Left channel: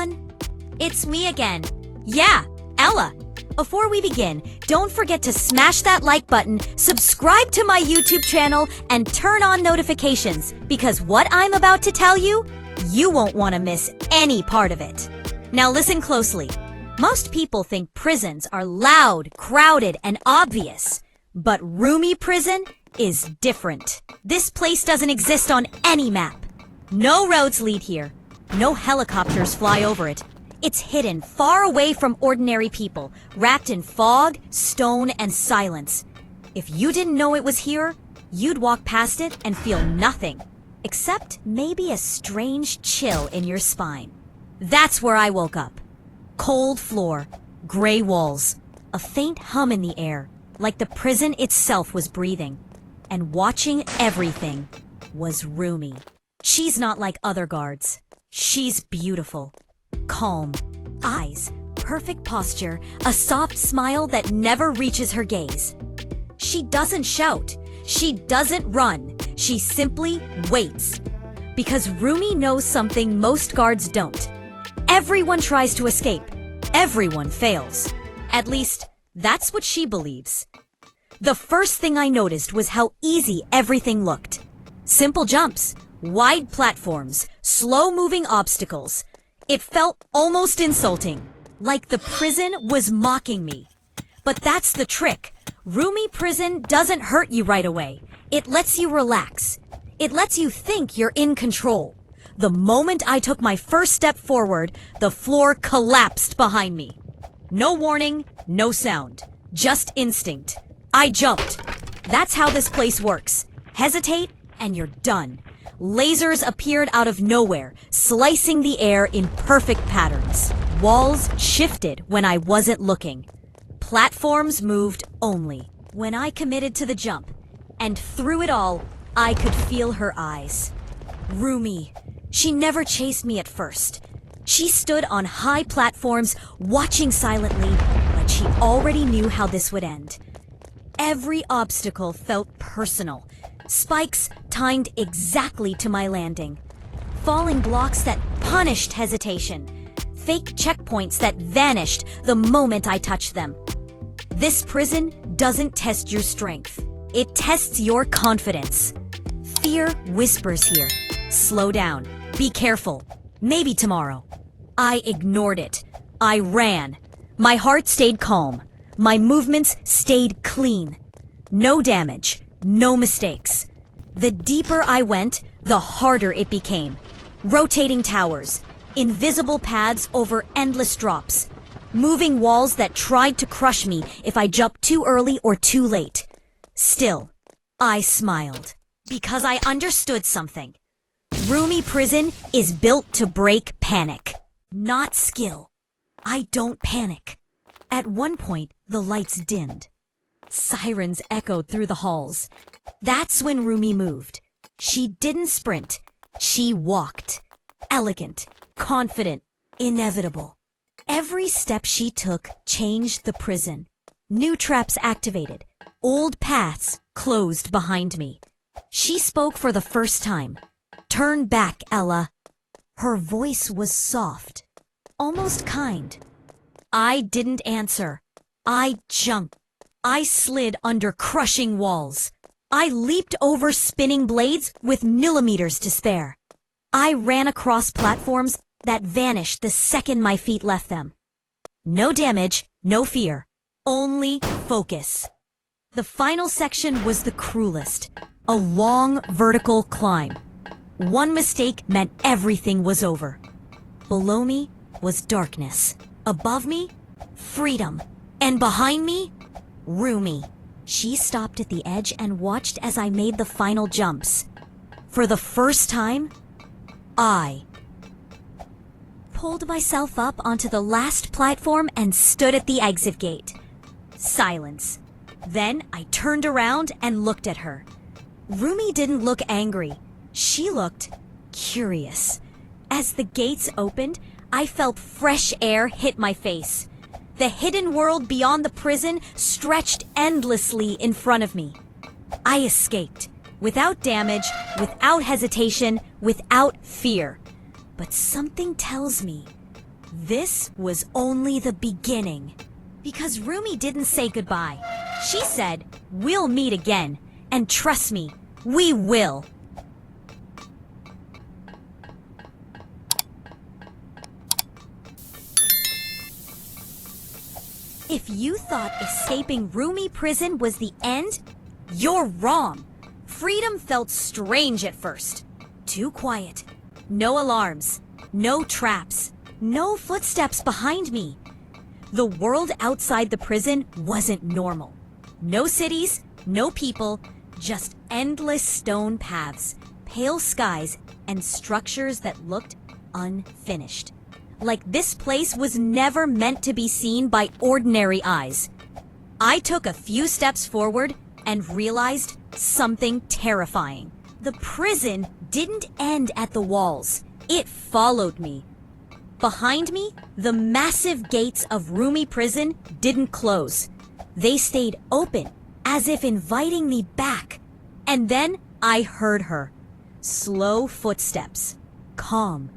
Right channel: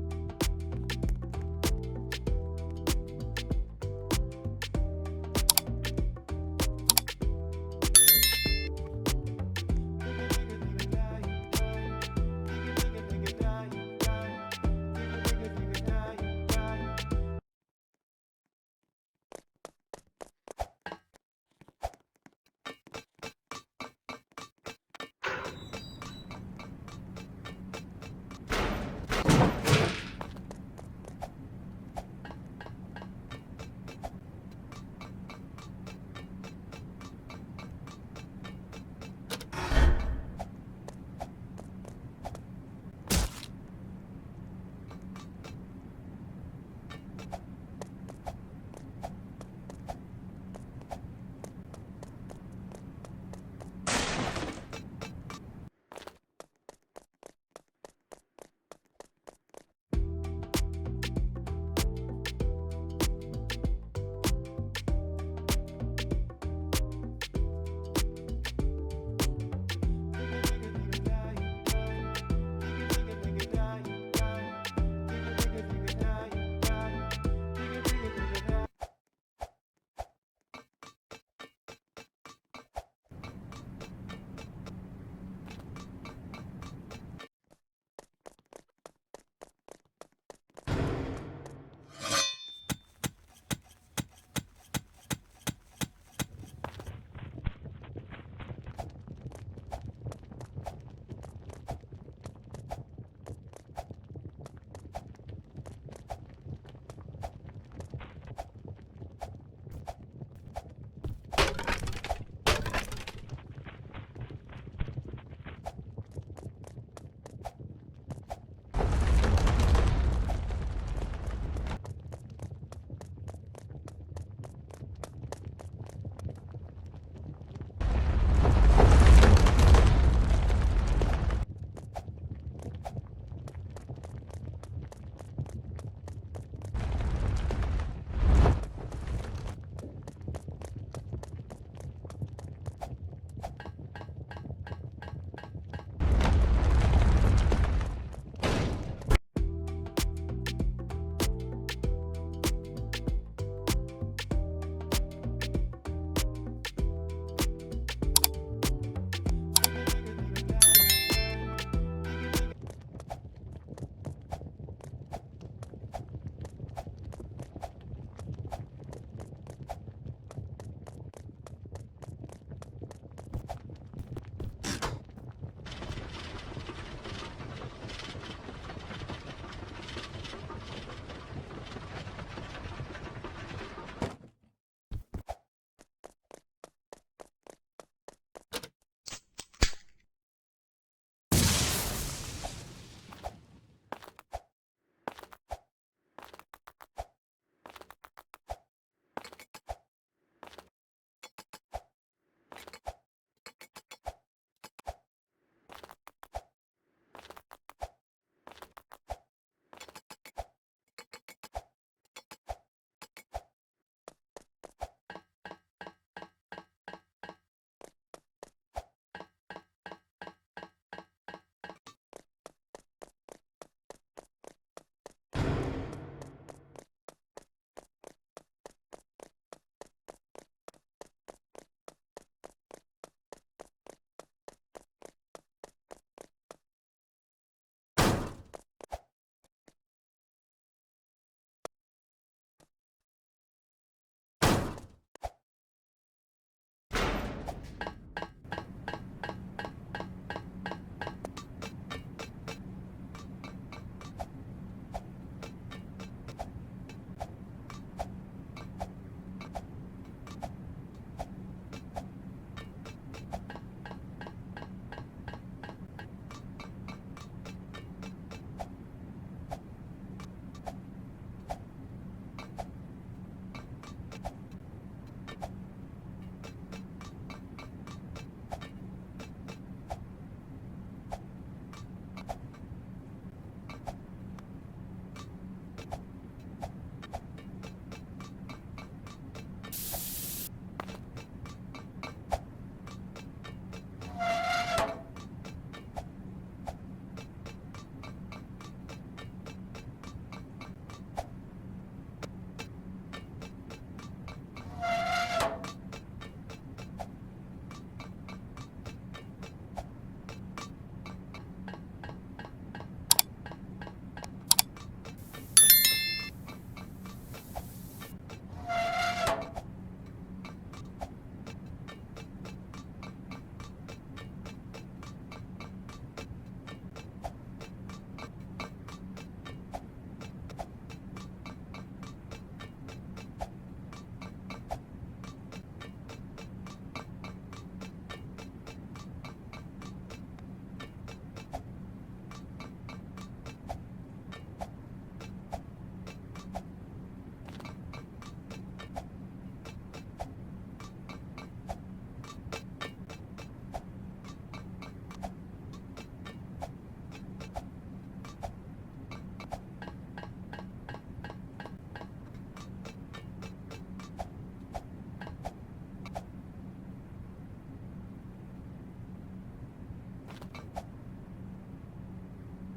everyone. It's me again. Yeah, Ella. Before we begin, don't forget to smash that like button, subscribe to my YouTube channel, and turn on notifications, because what I'm about to tell you, you won't want to miss any part of it. Now listen closely. Most people think prisons are loud, crowded, and obvious. But RUMI Prison is different. This place doesn't exist on any map. No roads lead here. No helicopters fly over it. It's hidden far away from ordinary people, wrapped in fog, stone, and silence. If you didn't know it was here, you'd walk past it and feel nothing, except maybe a strange chill in your spine. That's where I woke up. Cold floor, gray walls, a faint hum in the air, like the prison itself was breathing. And watching everything was RUMI. She's not like other guards. She's beautiful. Calm, eyes, perfect posture, a soft smile that never reaches her gaze. She doesn't shout. She doesn't run. She simply waits. Because RUMI knows something most guards don't. Everyone tries to escape. Everyone fails. At least, that's what she believes. The first thing I noticed was how easy everything looked. Simple jumps, wide platforms, slow-moving obstacles. It felt almost insulting, like the prison was mocking me. But that's the trick. RUMI Prison doesn't hurt you right away. It lets you relax. It lets you think you're in control. The moment I took my first step forward, the floor collapsed behind me. No warning, no sound, just instinct. I jumped. That's how this place works. Hesitate, and you're done. Lasers appeared out of nowhere, slicing the air in perfect patterns. Walls shifted when I wasn't looking. Platforms moved only when I committed to the jump. And through it all, I could feel her eyes. RUMI. She never chased me at first. She stood on high platforms, watching silently, but she already knew how this would end. Every obstacle felt personal. Spikes timed exactly to my landing. Falling blocks that punished hesitation. Fake checkpoints that vanished the moment I touched them. This prison doesn't test your strength. It tests your confidence. Fear whispers here. Slow down. Be careful. Maybe tomorrow. I ignored it. I ran. My heart stayed calm. My movements stayed clean. No damage. No mistakes. The deeper I went, the harder it became. Rotating towers, invisible paths over endless drops, moving walls that tried to crush me if I jumped too early or too late. Still, I smiled, because I understood something. RUMI Prison is built to break panic, not skill. I don't panic. At one point, the lights dimmed. Sirens echoed through the halls. That's when RUMI moved. She didn't sprint. She walked. Elegant, confident, inevitable. Every step she took changed the prison. New traps activated. Old paths closed behind me. She spoke for the first time. "Turn back, Ella." Her voice was soft, almost kind. I didn't answer. I jumped. I slid under crushing walls. I leaped over spinning blades with millimeters to spare. I ran across platforms that vanished the second my feet left them. No damage, no fear, only focus. The final section was the cruelest. A long vertical climb. One mistake meant everything was over. Below me was darkness. Above me, freedom. And behind me, RUMI. She stopped at the edge and watched as I made the final jumps. For the first time, I pulled myself up onto the last platform and stood at the exit gate. Silence. Then I turned around and looked at her. RUMI didn't look angry. She looked curious. As the gates opened, I felt fresh air hit my face. The hidden world beyond the prison stretched endlessly in front of me. I escaped, without damage, without hesitation, without fear. But something tells me This was only the beginning. Because Rumi didn't say goodbye. She said, "We'll meet again. And trust me, we will." If you thought escaping Rumi prison was the end, you're wrong. Freedom felt strange at first. Too quiet. No alarms. No traps. No footsteps behind me. The world outside the prison wasn't normal. No cities, no people, just endless stone paths, pale skies, and structures that looked unfinished. Like this place was never meant to be seen by ordinary eyes. I took a few steps forward and realized something terrifying. The prison didn't end at the walls. It followed me. Behind me, the massive gates of Rumi prison didn't close. They stayed open, as if inviting me back. And then I heard her. Slow footsteps. Calm.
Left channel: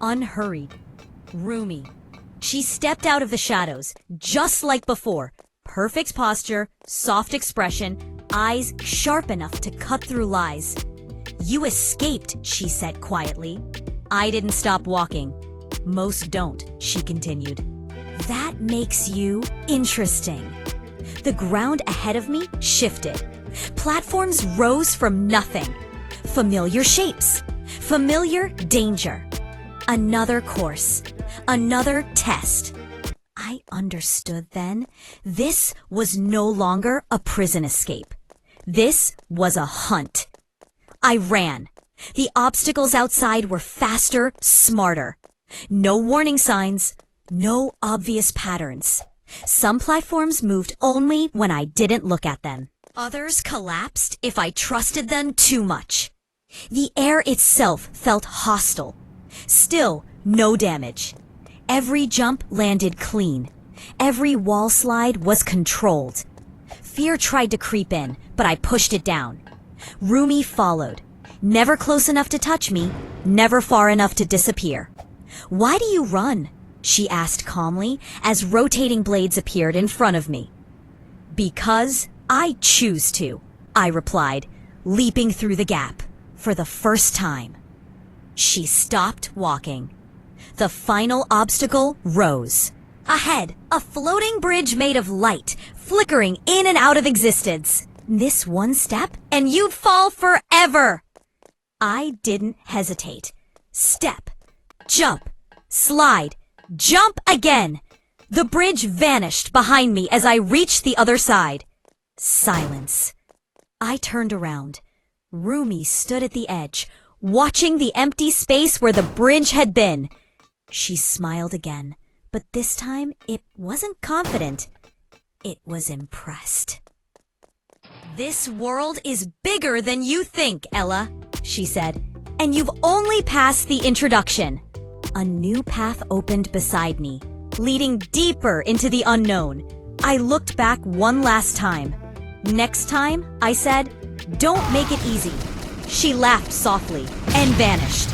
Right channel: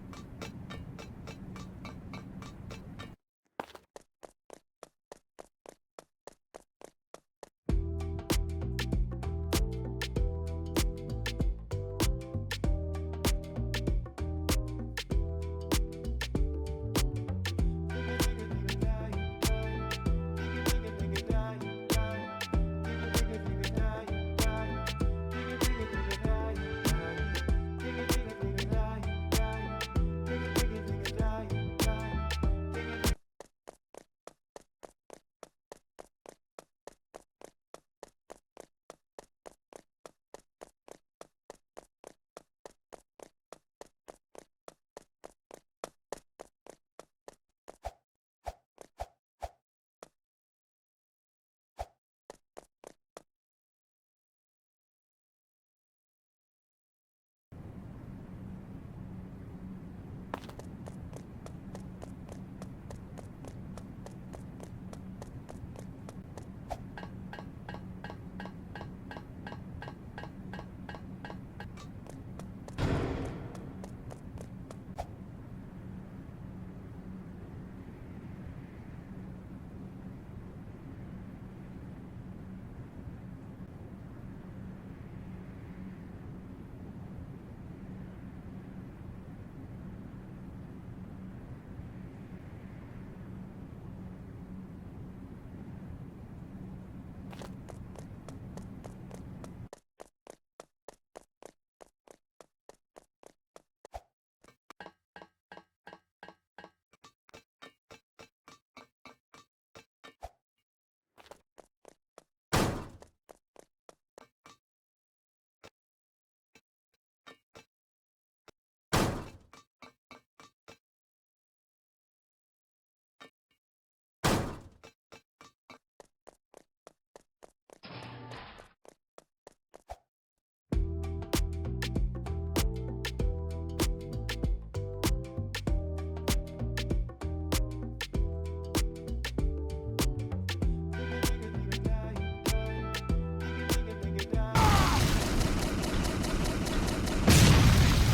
Unhurried. Rumi. She stepped out of the shadows, just like before. Perfect posture, soft expression, eyes sharp enough to cut through lies. "You escaped," she said quietly. I didn't stop walking. "Most don't," she continued. "That makes you interesting." The ground ahead of me shifted. Platforms rose from nothing. Familiar shapes. Familiar danger. Another course. Another test. I understood then. This was no longer a prison escape. This was a hunt. I ran. The obstacles outside were faster, smarter. No warning signs. No obvious patterns. Some platforms moved only when I didn't look at them. Others collapsed if I trusted them too much. The air itself felt hostile. Still, no damage. Every jump landed clean. Every wall slide was controlled. Fear tried to creep in, but I pushed it down. Rumi followed. Never close enough to touch me, never far enough to disappear. "Why do you run?" she asked calmly as rotating blades appeared in front of me. "Because I choose to," I replied, leaping through the gap for the first time. She stopped walking. The final obstacle rose. Ahead, a floating bridge made of light, flickering in and out of existence. This one step, and you'd fall forever. I didn't hesitate. Step, jump, slide, jump again. The bridge vanished behind me as I reached the other side. Silence. I turned around. Rumi stood at the edge, watching the empty space where the bridge had been. She smiled again, but this time it wasn't confident. It was impressed. "This world is bigger than you think, Ella," she said, "and you've only passed the introduction." A new path opened beside me, leading deeper into the unknown. I looked back one last time. "Next time," I said, "don't make it easy." She laughed softly and vanished.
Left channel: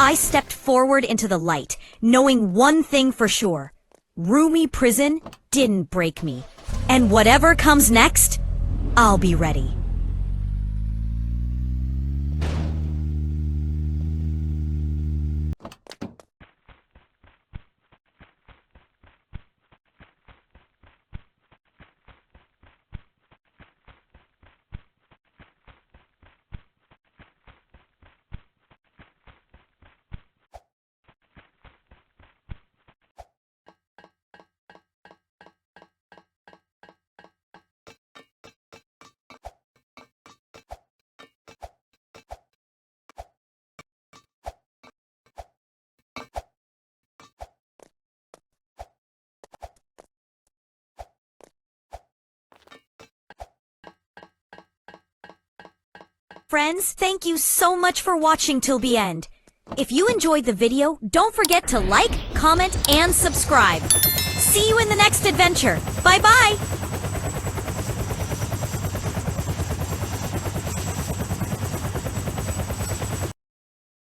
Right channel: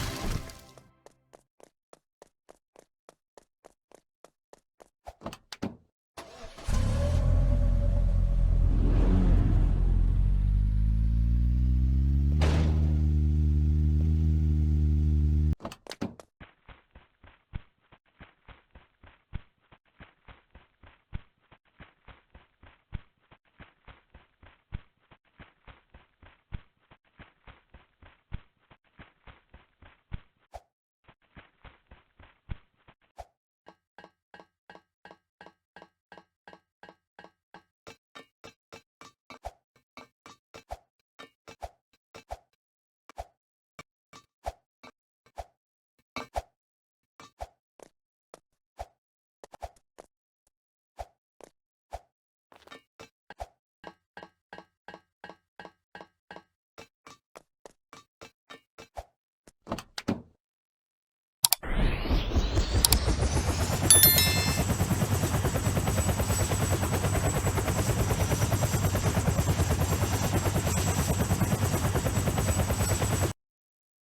I stepped forward into the light, knowing one thing for sure. Rumi prison didn't break me. And whatever comes next, I'll be ready. Friends, thank you so much for watching till the end. If you enjoyed the video, don't forget to like, comment, and subscribe. See you in the next adventure. Bye-bye!